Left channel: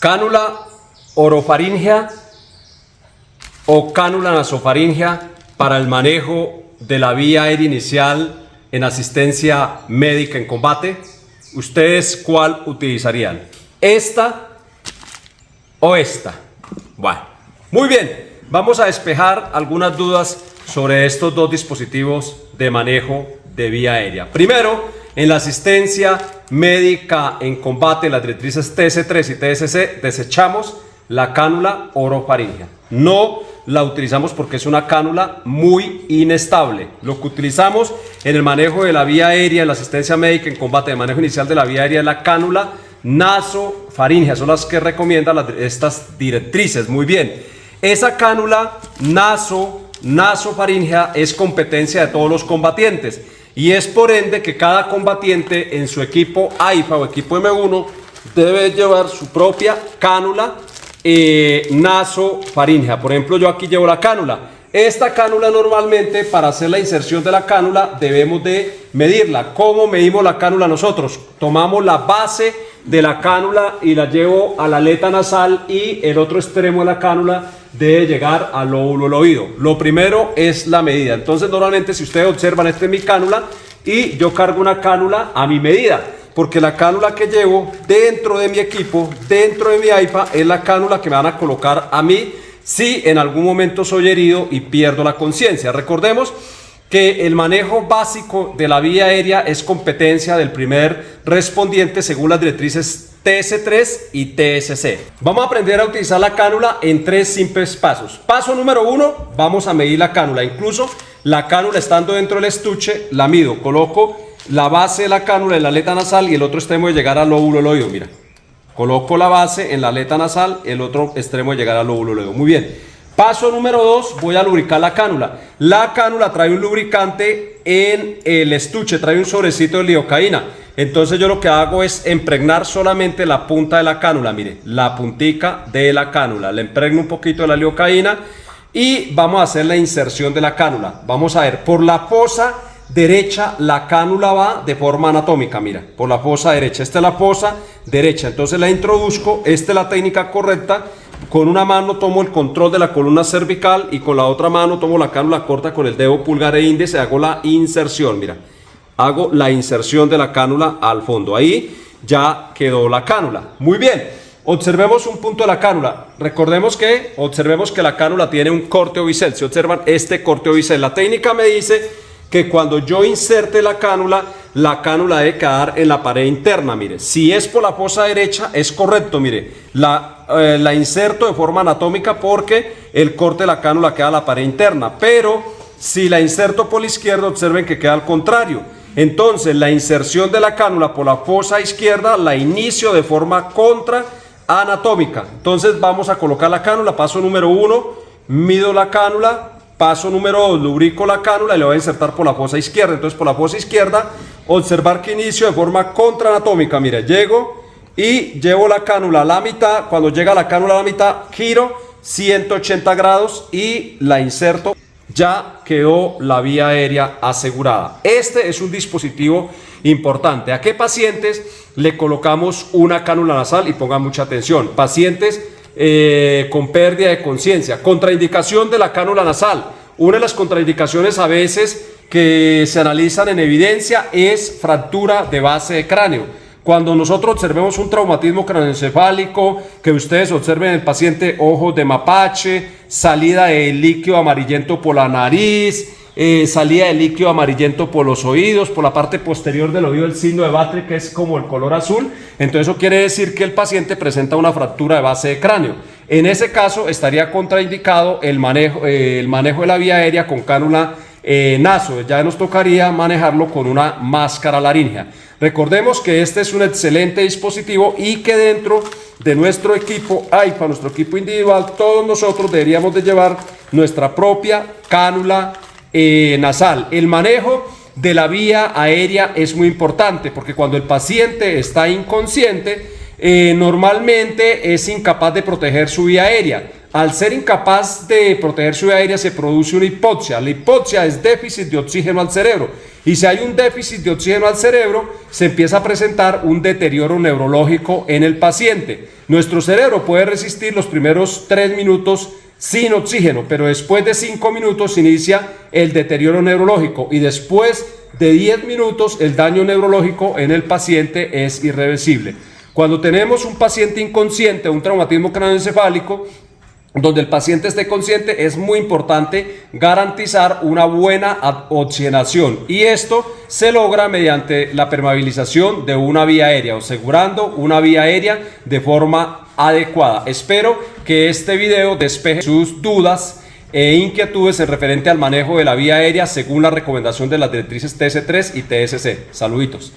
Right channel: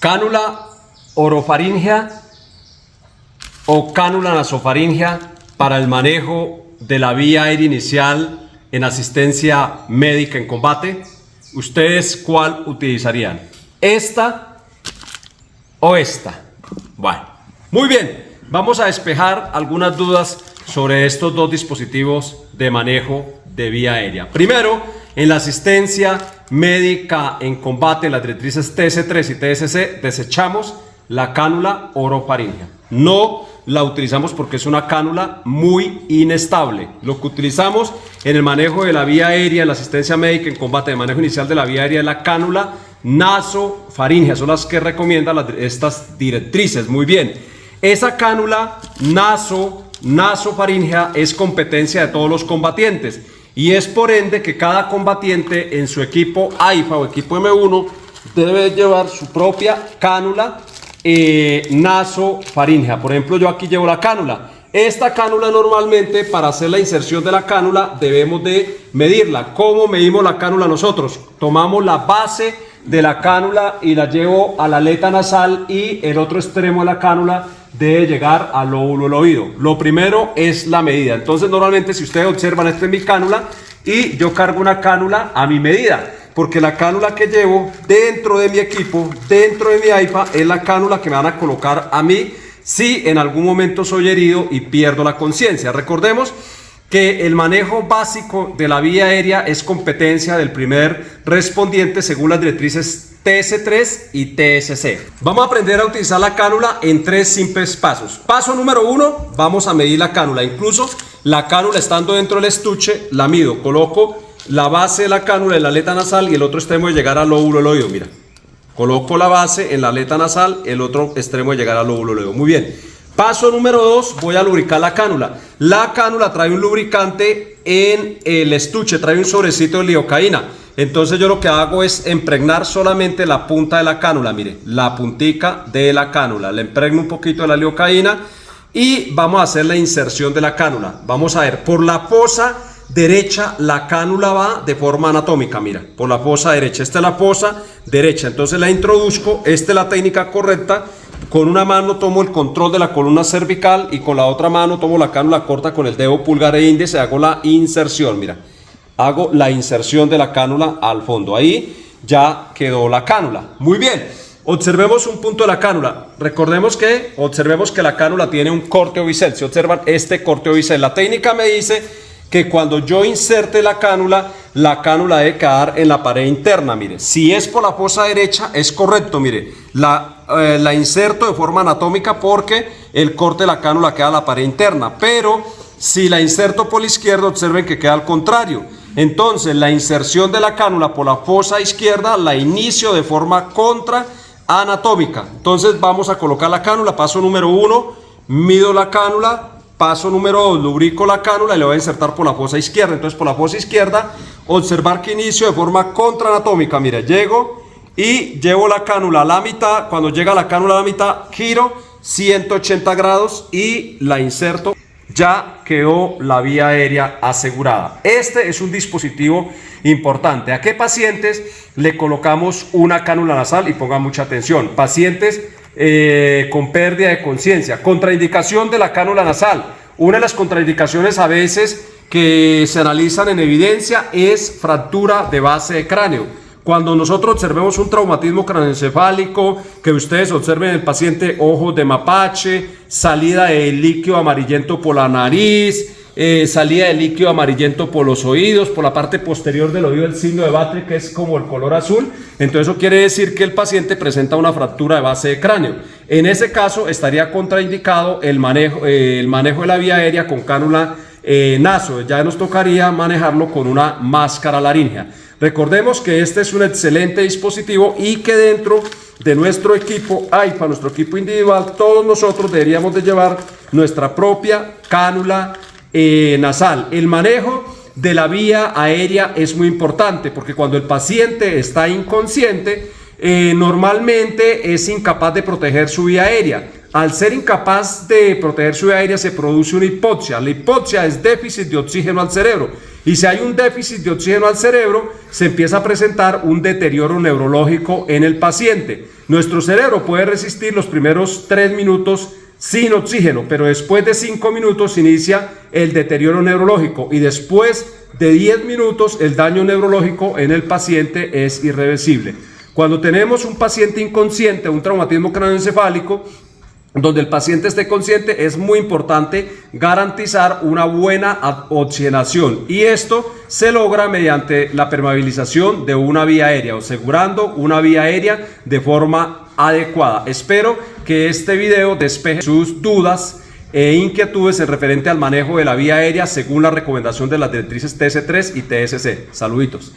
Cánula orofaríngea o cánula nasofaríngea para el manejo de la vía aérea inicial en asistencia médica en combate. ¿Ustedes cuál utilizarían? ¿Esta o esta? Bueno, muy bien. Vamos a despejar algunas dudas sobre estos dos dispositivos de manejo de vía aérea. Primero, en la asistencia médica en combate, las directrices TS3 y TSC, desechamos la cánula orofaríngea. No la utilizamos porque es una cánula muy inestable. Lo que utilizamos en el manejo de la vía aérea, en la asistencia médica en combate, de manejo inicial de la vía aérea, es la cánula nasofaríngea. Son las que recomiendan estas directrices. Muy bien. Esa cánula nasofaríngea es competencia de todos los combatientes. Y es por ende que cada combatiente en su equipo AIFA o equipo M1 debe llevar su propia cánula nasofaríngea. Por ejemplo, yo aquí llevo la cánula. Esta cánula normalmente, para hacer la inserción de la cánula, debemos de medirla. ¿Cómo medimos la cánula nosotros? Tomamos la base de la cánula y la llevo a la aleta nasal, y el otro extremo de la cánula debe llegar al lóbulo del oído. Lo primero es la medida. Entonces, normalmente, si ustedes observan, esta es mi cánula y yo cargo una cánula a mi medida, porque la cánula que llevo dentro de mi equipo, dentro de mi AIFA, es la cánula que me van a colocar a mí si en algún momento soy herido y pierdo la conciencia. Recordemos que el manejo básico de la vía aérea es competencia del primer respondiente según las directrices TS3 y TSC. Vamos a aprender a utilizar la cánula en 3 simples pasos. Paso número 1, vamos a medir la cánula. Incluso la cánula estando dentro del estuche, la mido. Coloco la base de la cánula en la aleta nasal y el otro extremo de llegar al lóbulo del oído. Mira, coloco la base en la aleta nasal, el otro extremo de llegar al lóbulo del oído. Muy bien. Paso número 2, voy a lubricar la cánula. La cánula trae un lubricante en el estuche, trae un sobrecito de lidocaína. Entonces yo lo que hago es impregnar solamente la punta de la cánula, mire, la puntica de la cánula. Le impregno un poquito de la lidocaína y vamos a hacer la inserción de la cánula. Vamos a ver, por la fosa derecha la cánula va de forma anatómica, mira, por la fosa derecha. Esta es la fosa derecha, entonces la introduzco, esta es la técnica correcta. Con una mano tomo el control de la columna cervical y con la otra mano tomo la cánula corta con el dedo pulgar e índice, hago la inserción, mira. Hago la inserción de la cánula al fondo. Ahí ya quedó la cánula. Muy bien. Observemos un punto de la cánula. Observemos que la cánula tiene un corte o bisel. Si observan este corte o bisel, la técnica me dice que cuando yo inserte la cánula debe quedar en la pared interna. Mire, si es por la fosa derecha es correcto. Mire, la inserto de forma anatómica porque el corte de la cánula queda en la pared interna. Pero si la inserto por la izquierda, observen que queda al contrario. Entonces la inserción de la cánula por la fosa izquierda la inicio de forma contraanatómica. Entonces vamos a colocar la cánula. Paso número 1, mido la cánula. Paso número 2, lubrico la cánula y le voy a insertar por la fosa izquierda. Entonces por la fosa izquierda, observar que inicio de forma contraanatómica. Mira, llego y llevo la cánula a la mitad. Cuando llega la cánula a la mitad, giro 180 grados y la inserto. Ya quedó la vía aérea asegurada. Este es un dispositivo importante. ¿A qué pacientes le colocamos una cánula nasal? Y pongan mucha atención. Pacientes con pérdida de conciencia. Contraindicación de la cánula nasal. Una de las contraindicaciones a veces que se analizan en evidencia es fractura de base de cráneo. Cuando nosotros observemos un traumatismo craneoencefálico, que ustedes observen en el paciente ojos de mapache, salida de líquido amarillento por la nariz, salida de líquido amarillento por los oídos, por la parte posterior del oído el signo de Batre, que es como el color azul, entonces eso quiere decir que el paciente presenta una fractura de base de cráneo. En ese caso estaría contraindicado el manejo de la vía aérea con cánula naso. Ya nos tocaría manejarlo con una máscara laríngea. Recordemos que este es un excelente dispositivo y que dentro de nuestro equipo AIFA, nuestro equipo individual, todos nosotros deberíamos de llevar nuestra propia cánula nasal. El manejo de la vía aérea es muy importante porque cuando el paciente está inconsciente, normalmente es incapaz de proteger su vía aérea. Al ser incapaz de proteger su vía aérea se produce una hipoxia. La hipoxia es déficit de oxígeno al cerebro. Y si hay un déficit de oxígeno al cerebro, se empieza a presentar un deterioro neurológico en el paciente. Nuestro cerebro puede resistir los primeros 3 minutos sin oxígeno, pero después de 5 minutos inicia el deterioro neurológico y después de 10 minutos el daño neurológico en el paciente es irreversible. Cuando tenemos un paciente inconsciente, un traumatismo craneoencefálico, donde el paciente esté consciente, es muy importante garantizar una buena oxigenación, y esto se logra mediante la permeabilización de una vía aérea, asegurando una vía aérea de forma adecuada. Espero que este video despeje sus dudas e inquietudes en referente al manejo de la vía aérea según la recomendación de las directrices TS3 y TSC. Saluditos.